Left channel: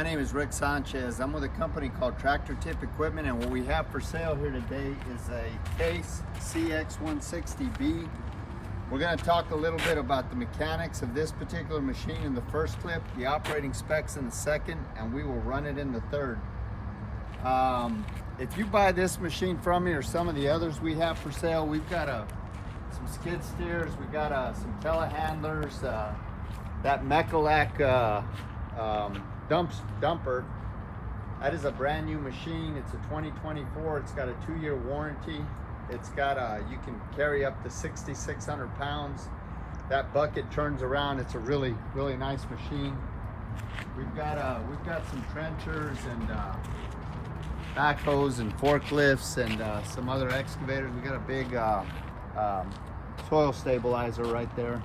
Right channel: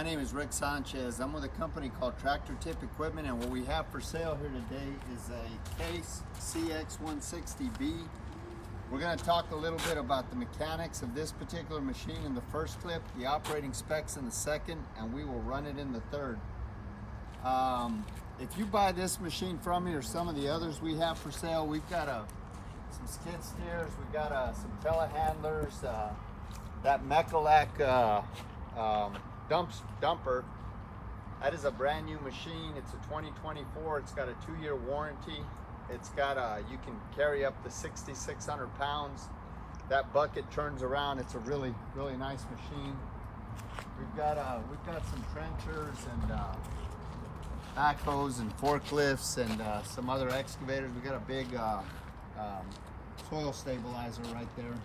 My name is Rick Sanchez. I'm with a company called Tractor Tip Equipment, and what we have for sale here today is a Case CX160B. We're going to talk a little bit about the mechanics of this particular machine in the first clip, the operating specs in the second, and we will run it in the third. If you buy this machine from me or some of the others we have for sale, we've got some skid steers, we've got some telehandlers, that Mechalak dumper. That is a brand new machine. It's a 2024. It's got a 2-year warranty. It's got you can carry up to 6,600 pounds. That bucket turns around. It's a really nice machine. We've got some trenchers and backhoes and forklifts and some other excavators. We got a big soil stabilizer right there.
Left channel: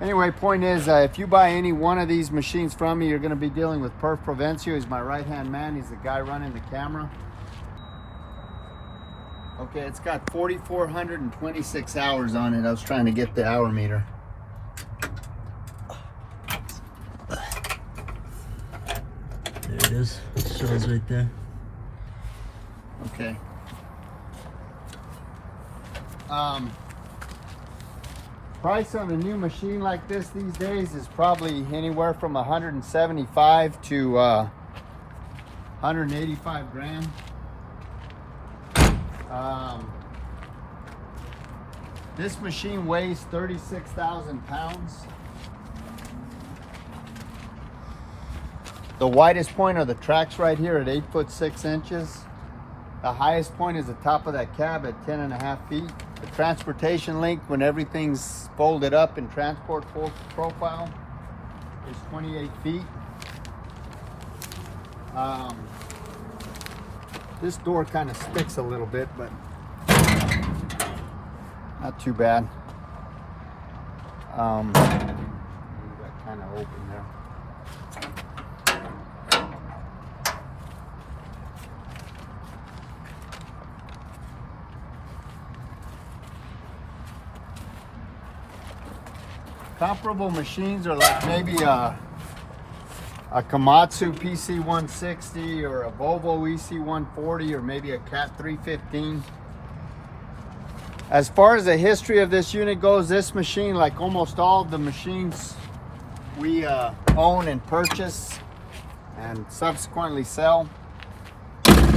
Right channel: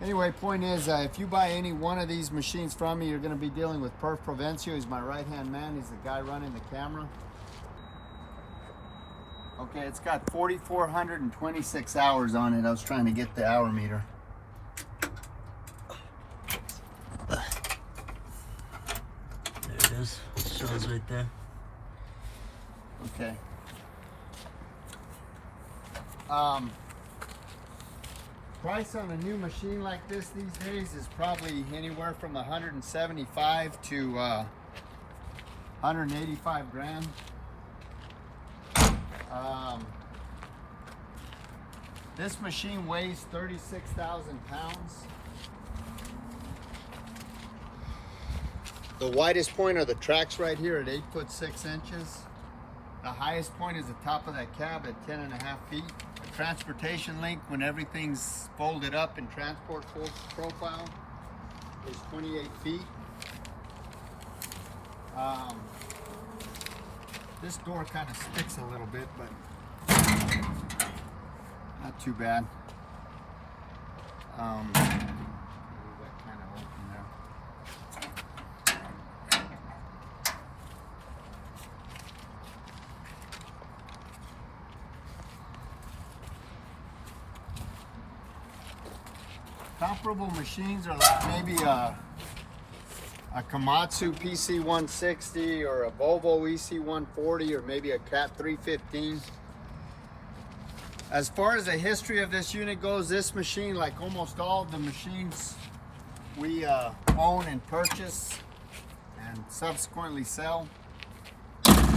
Anyway, point is, if you buy any one of these machines from me, you're going to be dealing with Perf Provencio. He's my right-hand man. He's the guy running the camera. Okay, it's got 4,426 hours on it. I was trying to get the hour meter. There it is. It shows right there. Okay. Price on a new machine like this these days is probably anywhere from 175 to 185 grand. This machine weighs 36,000 pounds. The widest point are the tracks right here at 8 foot 6 inches. The highest point is the top of that cab at 10.5 feet. The transportation length, when everything's folded up in transport profile, is 28 feet. This door kind of sticks a little bit, but not too bad. That kind of open there. Comparable machines are like maybe a Komatsu PC160 or a Volvo EC140 or maybe a Cat 315. As far as the history of this unit goes, this machine, like almost all of the machines we own and purchase and subsequently sell,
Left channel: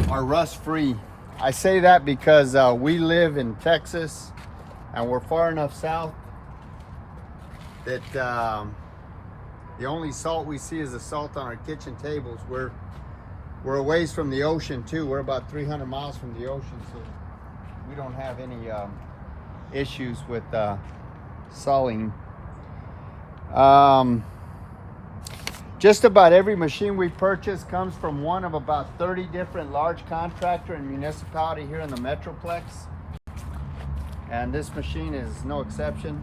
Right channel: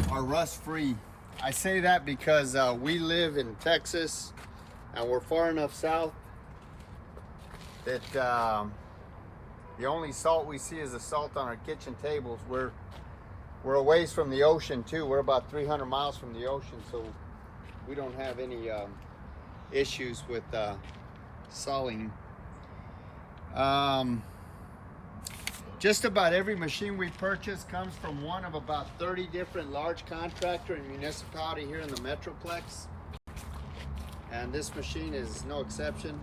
are rust-free. I say that because we live in Texas and we're far enough south that the only salt we see is the salt on our kitchen tables. We're a ways from the ocean too. We're about 300 miles from the ocean, so we don't have any issues with salting. Just about every machine we purchase comes from one of about 30 different large contractor and municipality here in the Metroplex, and this machine is no exception.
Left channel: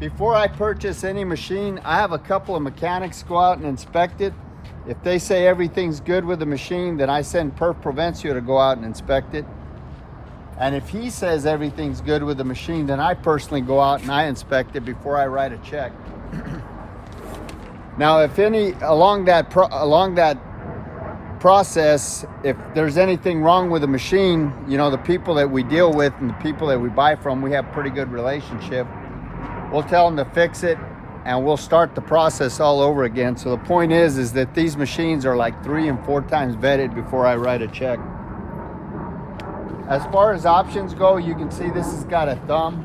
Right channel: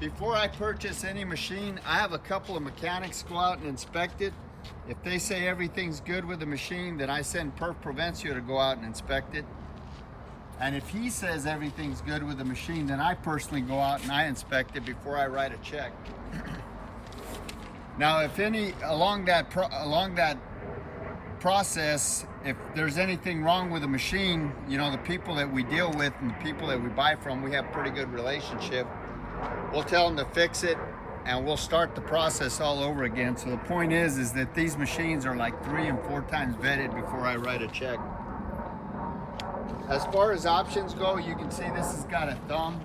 Before I purchase any machine, I have a couple of mechanics go out and inspect it. If they say everything's good with the machine, then I send Perf Provencio to go out and inspect it. And if he says everything's good with the machine, then I personally go out and I inspect it before I write a check. Now, if any along that process, if there's anything wrong with the machine, you know, the people that we deal with and the people that we buy from, we have a pretty good relationship. We'll tell them to fix it, and we'll start the process all over again. So the point is that these machines are like 3 and 4 times vetted before I write a check. As far as options go, you can see this has got a thumb.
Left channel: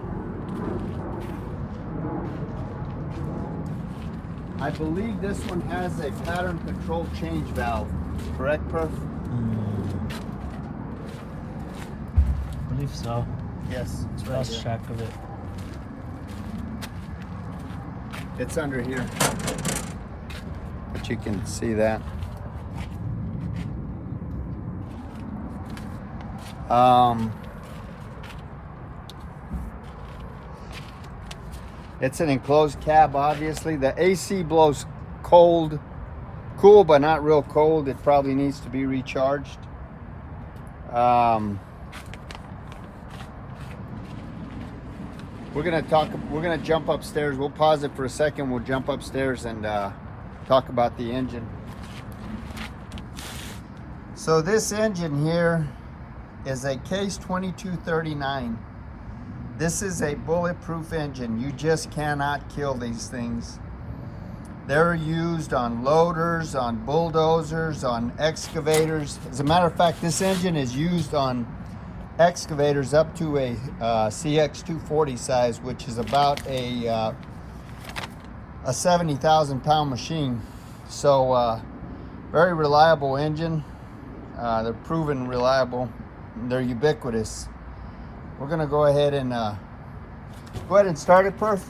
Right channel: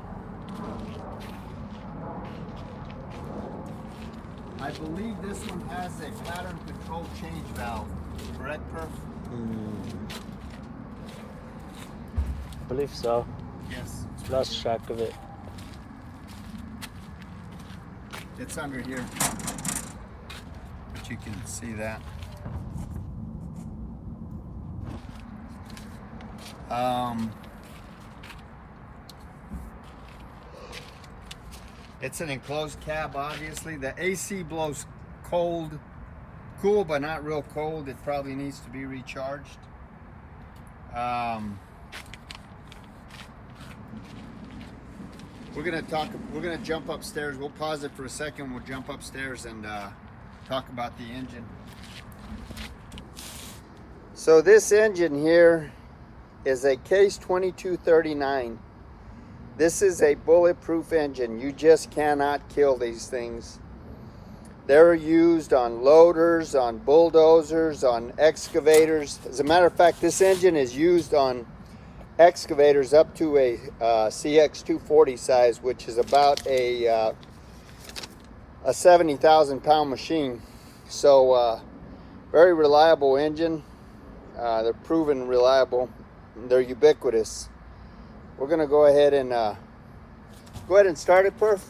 I believe this one has a pattern control change valve. Correct, Perf? I believe so. Yes. Lost track of it. It's under here, but you can see that. It's an enclosed cab, obviously. The AC blows cool, but not real cold. It probably needs to be recharged. We're gonna jump upstairs. We'll pause it for a second. We'll jump upstairs and talk about the engine. So this engine here is a Case 2239. This is a bulletproof engine. You just cannot kill these things. They're used on loaders, on bulldozers, on excavators. As a matter of fact, this engine is used on excavators up to a CX160B size, which is about a 70,000 pound machine. So very reliable engine. They're proven reliable. They're ubiquitous. We're gonna go ahead and start it, Perf.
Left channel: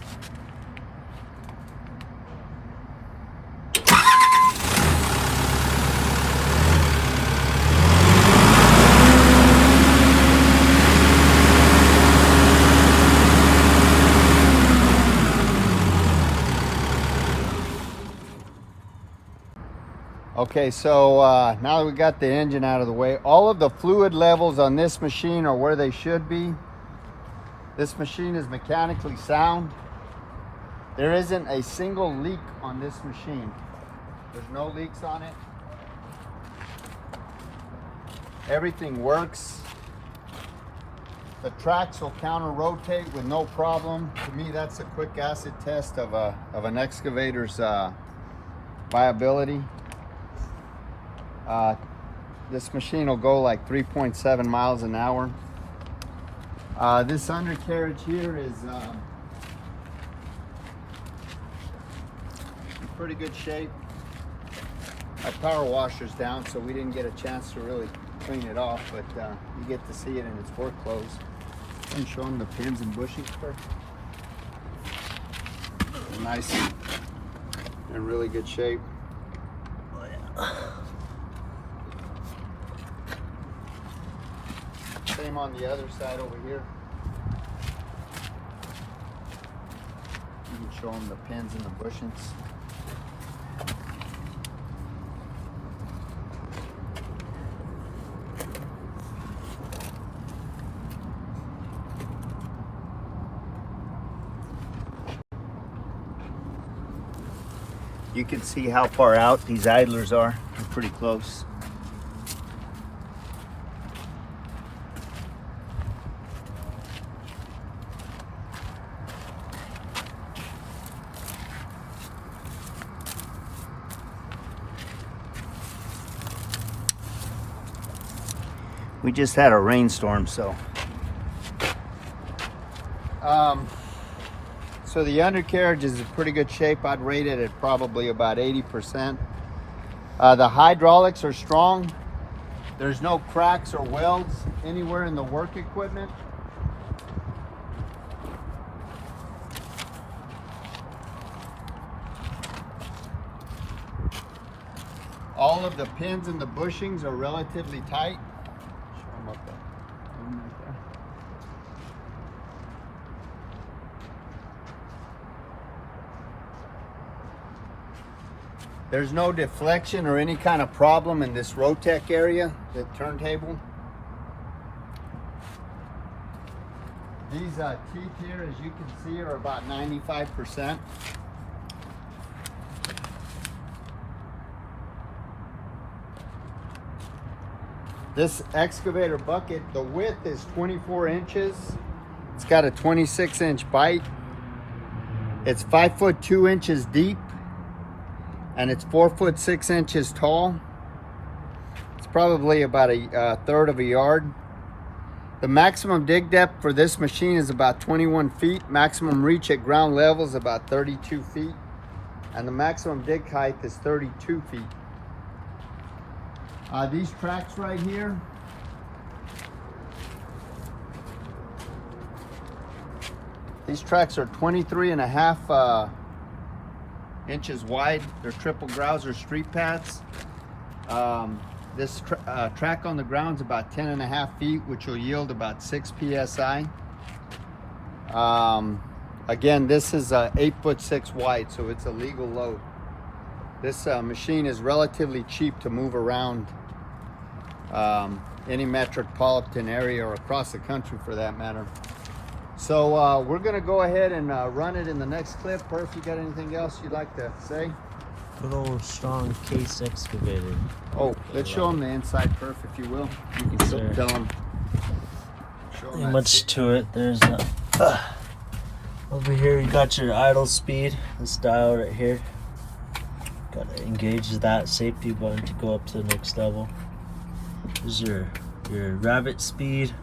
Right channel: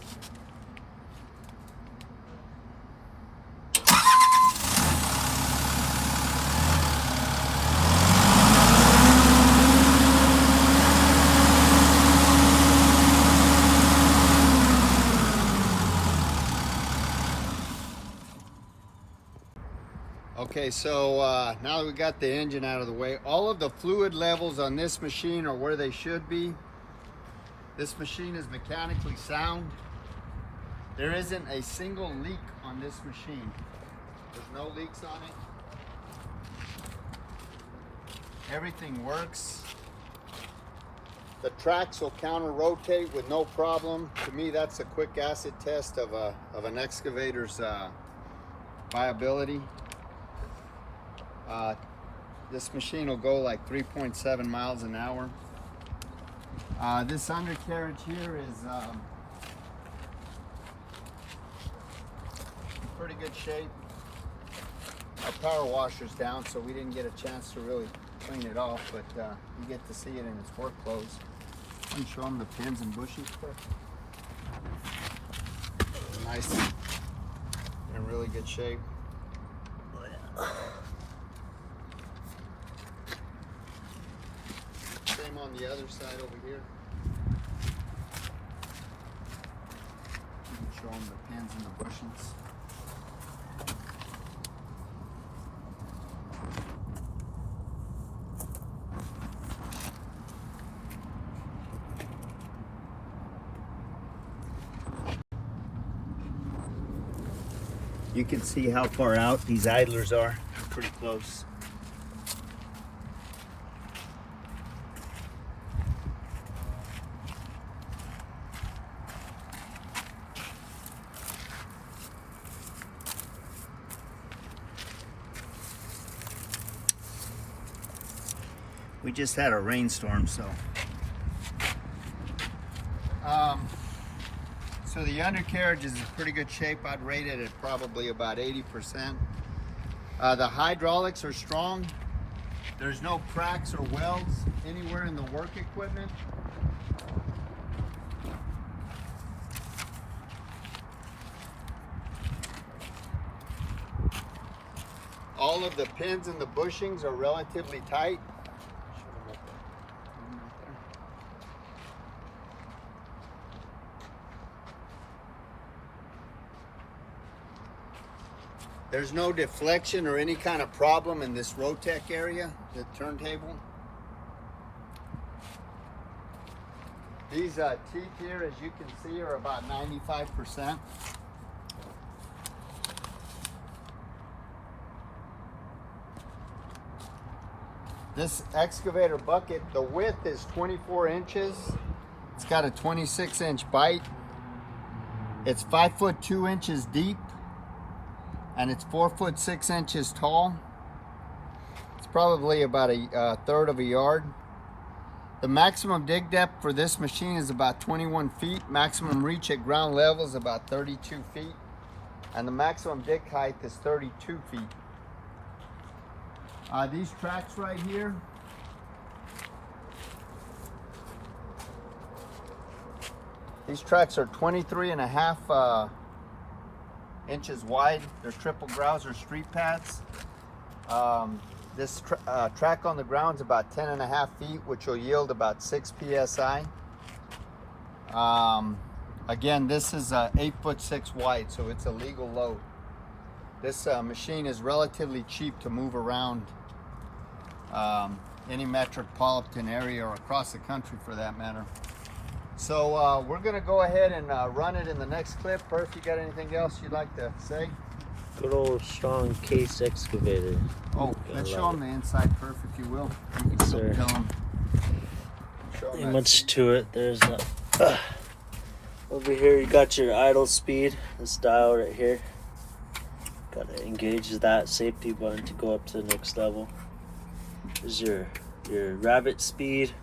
Okay, so now that we got the engine out of the way, all of the fluid levels on this machine are where they should be. This machine is mechanically sound. There isn't a single leak on this machine. There's no leaks on it. Everything works. The tracks will counter-rotate with no problem. To me, that's a quick acid test of an excavator's viability. This machine will go like 3.7 miles an hour. This undercarriage here is in pretty good shape. Our power washer's down, so we didn't get a chance to really clean it off, but you get to see it in its work clothes. I'm showing the pins and bushings first. Nice and really good shape. Same on the other side over here. You can show them the pins and the bushings. You can see how far out these idlers are. They're pretty close. We just had a rainstorm, so the undercarriage is in pretty good shape. I'd rate it at probably about 80%. The hydraulics are strong. There's no cracks or welds anywhere in the work equipment. All of the pins and the bushings are relatively tight. There's no deflection or any kind of problem in this Rotec area, the turntable. These teeth here, as you can see, are about 95%. This excavator bucket, the width is 24 inches. It's got a 26-inch bite. It's 5 foot 2 inches deep. And it's 4 foot 6 inches tall. It's probably about a third of a yard. The maximum dig depth for this machine is about 21 feet. Maximum reach at ground level is about 32 feet. And the maximum dig height is 32 feet. These tracks right here, these tracks are 23.5 inches wide. They're triple grouser street pads. This track on the ground is about 10.5 feet, which will yield about 6 psi. Again, this is 8 foot 6 wide, so it's a legal load. This machine is relatively cheap to move around any metropolitan area or across the country for that matter. So we're gonna go ahead and run it in the next clip. Perf, you got anything else you'd like to say? Good old strong case excavator. Oh, let's show them the inside perf, if you will. You can Sir. tell them. Ain't much to it. There's a over here. You got your idle speed. This dial right here. Got to engage that safety button to go up to the next level. There's your rabbit speed.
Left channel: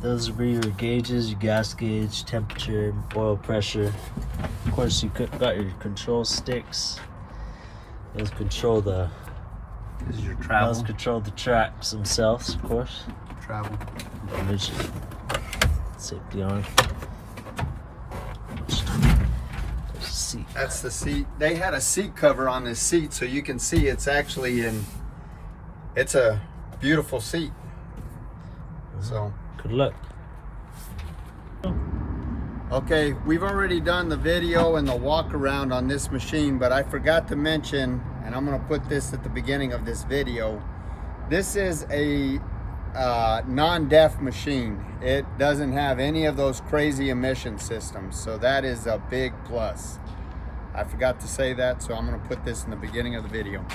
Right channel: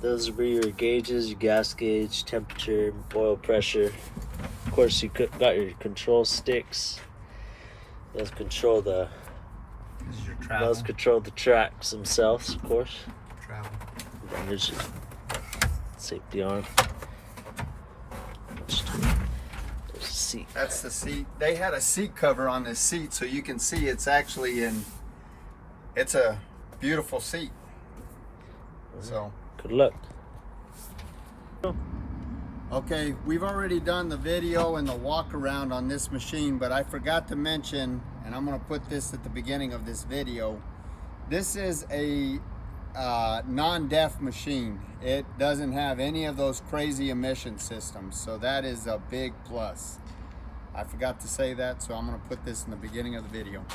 Those are your gauges, your gas gauge, temperature, oil pressure. Of course, you got your control sticks. Those control the. This is your travel. Those control the tracks themselves, of course. Travel. And there's your safety arm. There's the seat. That's the seat. They had a seat cover on this seat, so you can see it's actually in. It's a beautiful seat. So. Good luck. Okay, we've already done the video and the walk around on this machine, but I forgot to mention, and I'm going to put this at the beginning of this video. This is a non-deaf machine. It doesn't have any of those crazy emission systems, so that is a big plus. I forgot to say that, so I'm going to put this in the beginning of the video.